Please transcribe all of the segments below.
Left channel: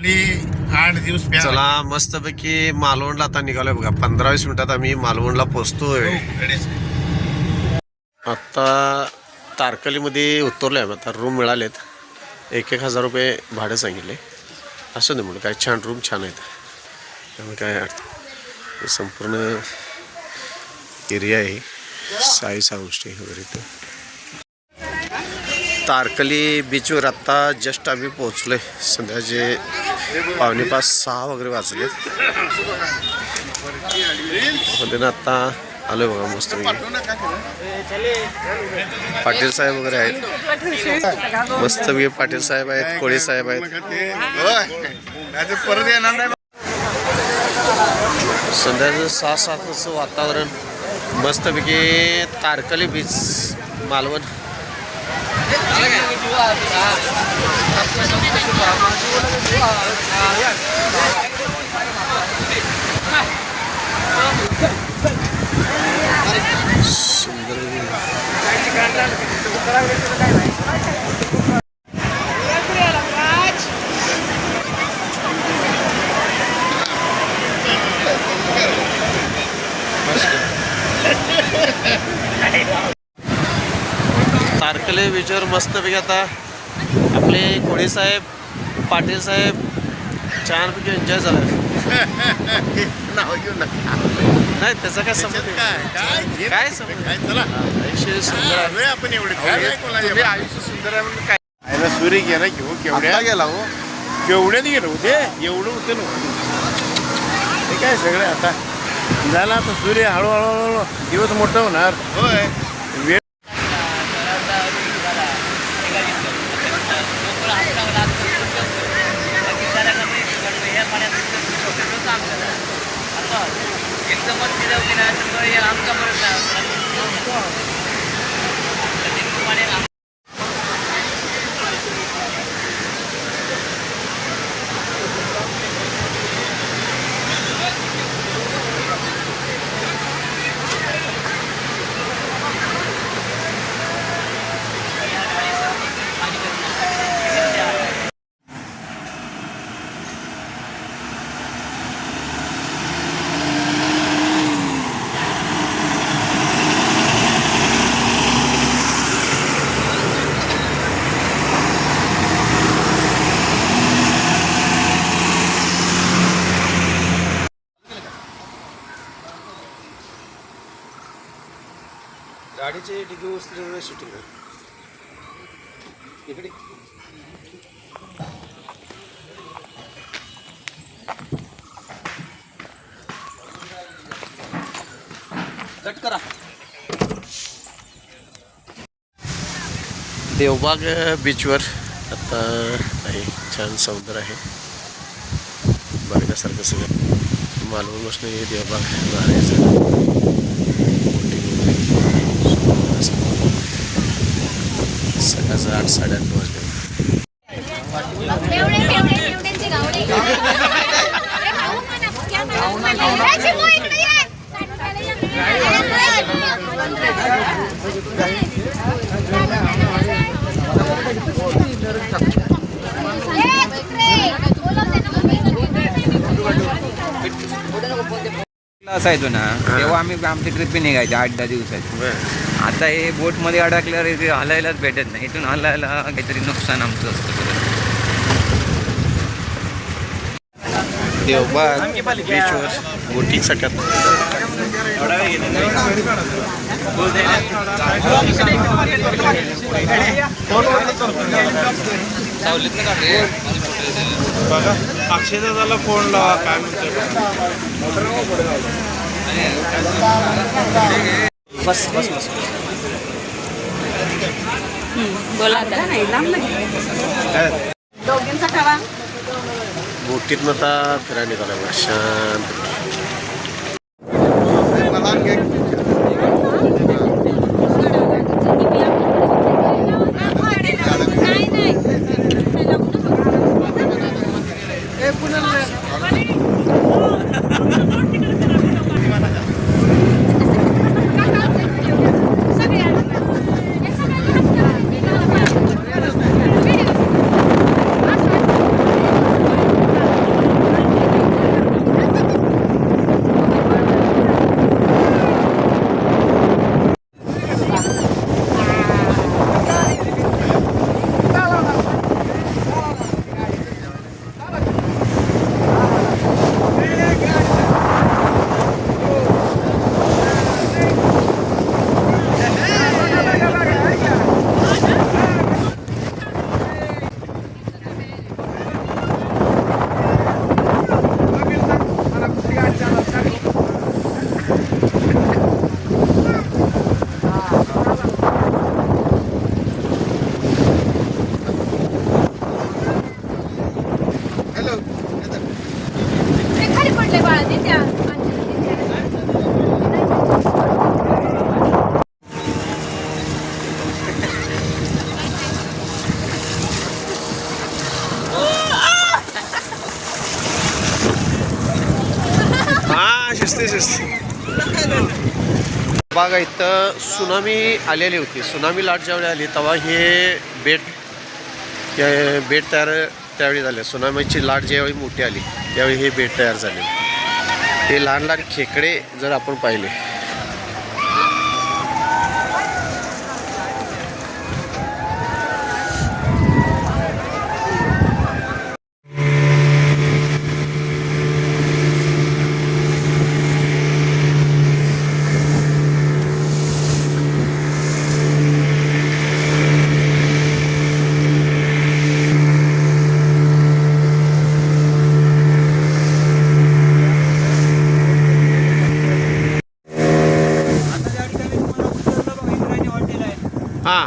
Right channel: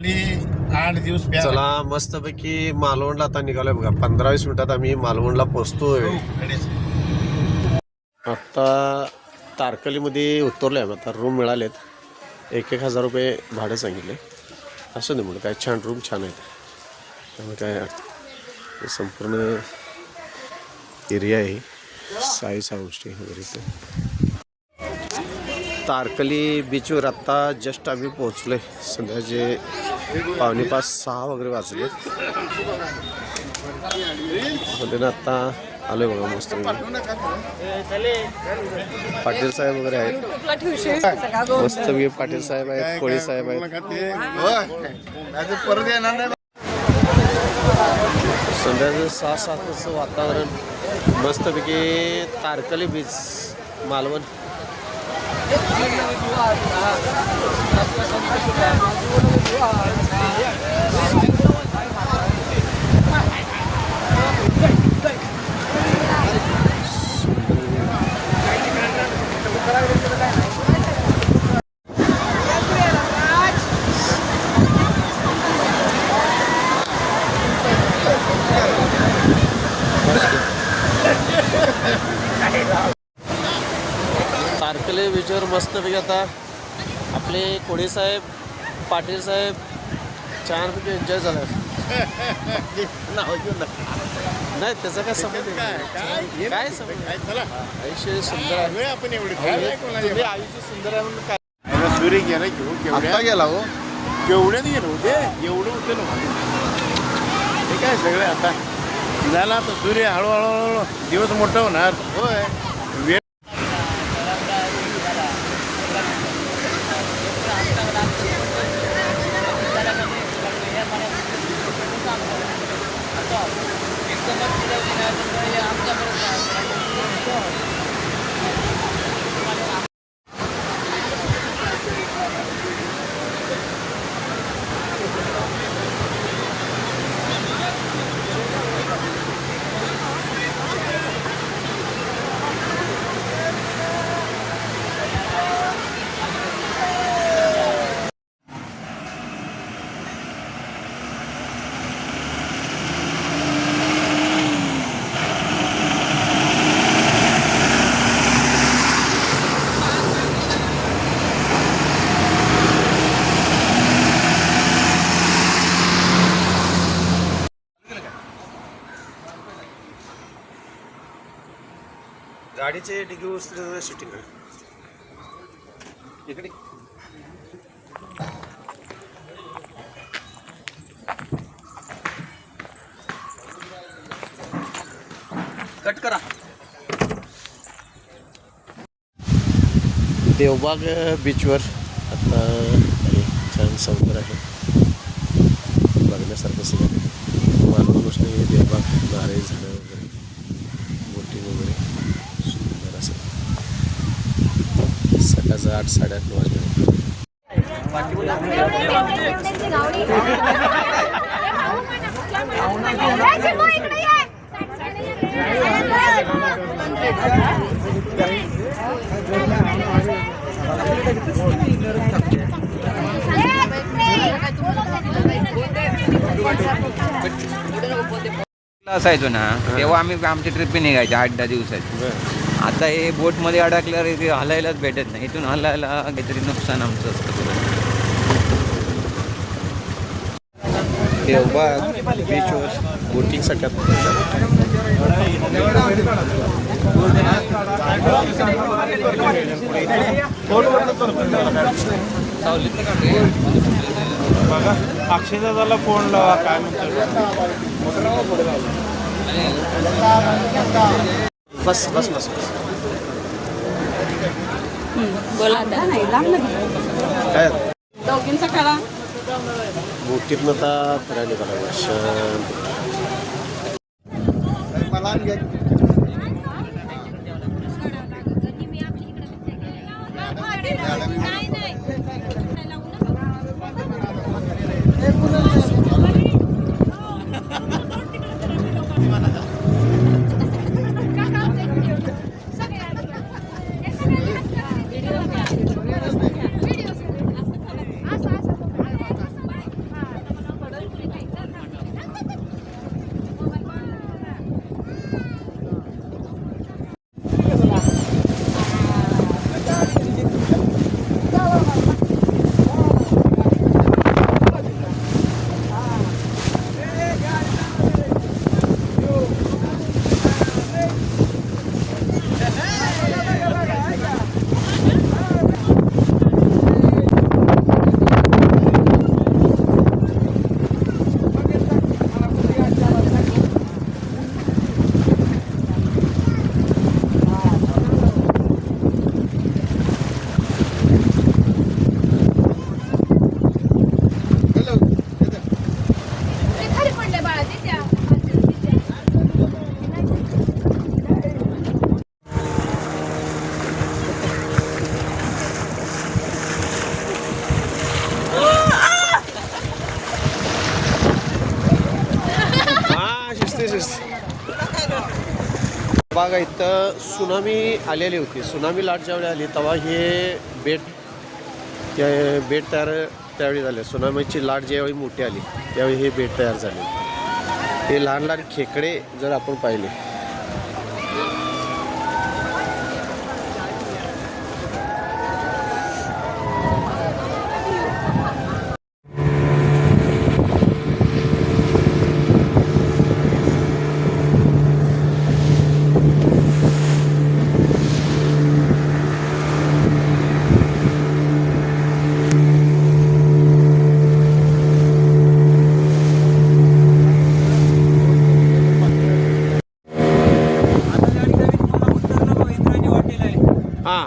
8 दिवस चला मस्तपैकी मालवणला आता निघालोय बघा. 15-20 मिनिटात आम्ही मालवणला पोहोचतोय. आता तारकलीमध्ये उतरलोय आम्ही. आता रूम मिळालेत. 1,000 रुपये भाडं सांगितले. असं नाही म्हणून काय छान रूम छान आहेत. त्यामुळे काय संपूर्ण एरिया आहे. साई होमस्टे वगैरे. इथं तारकली बीचवर आत्ता जस्ट आम्ही पोहोचलोय. संध्याचे 5:45-6 वगैरे वाजले. आत्ता आलोय बघा मस्त. पाटील साहेब वगैरे आहेत. मस्त पाटील साहेब आहेत, कोळी साहेब आहेत. संध्याचं 6-7 वातावरण मस्तपैकी तारकली बीच मालवण. तारकली बीचवर मस्तपैकी आता आपले कोळी साहेब, पाटील साहेब छानपैकी एन्जॉय झाला. नाव घेऊ नका. नाही त्याचा काय संबंध काय संबंध. आयुष्य सुंदर आहे. आपण एवढे तुम्ही आयुष्य सुंदर आहे म्हणून काय. सूर्य गेला घेऊ केवढ्या गेला हो. केवढ्यात गेलो होते एवढं होतं ना. ते काय सगळं आता झालं. आता सूर्य हळूहळू दिवस मोठं होणार. होय. गाडीचे डिगी वस्त्र शूटिंग इकडे. कट करा. देवबाग बीचवर आता आहे. छान समुद्र आहे बघण्यासारखं सगळं. मालवणपासून हे देवबाग नारळीचं सकाळचं 8-8:30 वाजले. असायचो ना तेव्हा आम्ही आमची ट्रिप निघायची 8-10 दिवसाची. आता हे बोट मध्ये अडकल्यावर हलायलाच भेटत नाही. इथून हलायला काहीतरी नुकसान आमचं असतं. देवबाग बीचवर बोटिंग साठी अक्षयदादाला फोन लावा. काय बस बस बस बोला. बोटीत आता फिरायला निघाला शांत. म्हटले बाळा ते त्या हा शिस्ते बघा इथं सुनामी आलेली होती. सुनामी लाट ज्यावेळी आली तेव्हा हे बेट तयार त्यावेळी झाले. सुनामीची लाट ज्यावेळी मोठी आली त्यावेळी हे बेट तयार झाले. हे लहान लहान खेकडे जर आपण पाहिले हा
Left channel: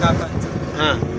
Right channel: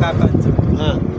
काकांचं हां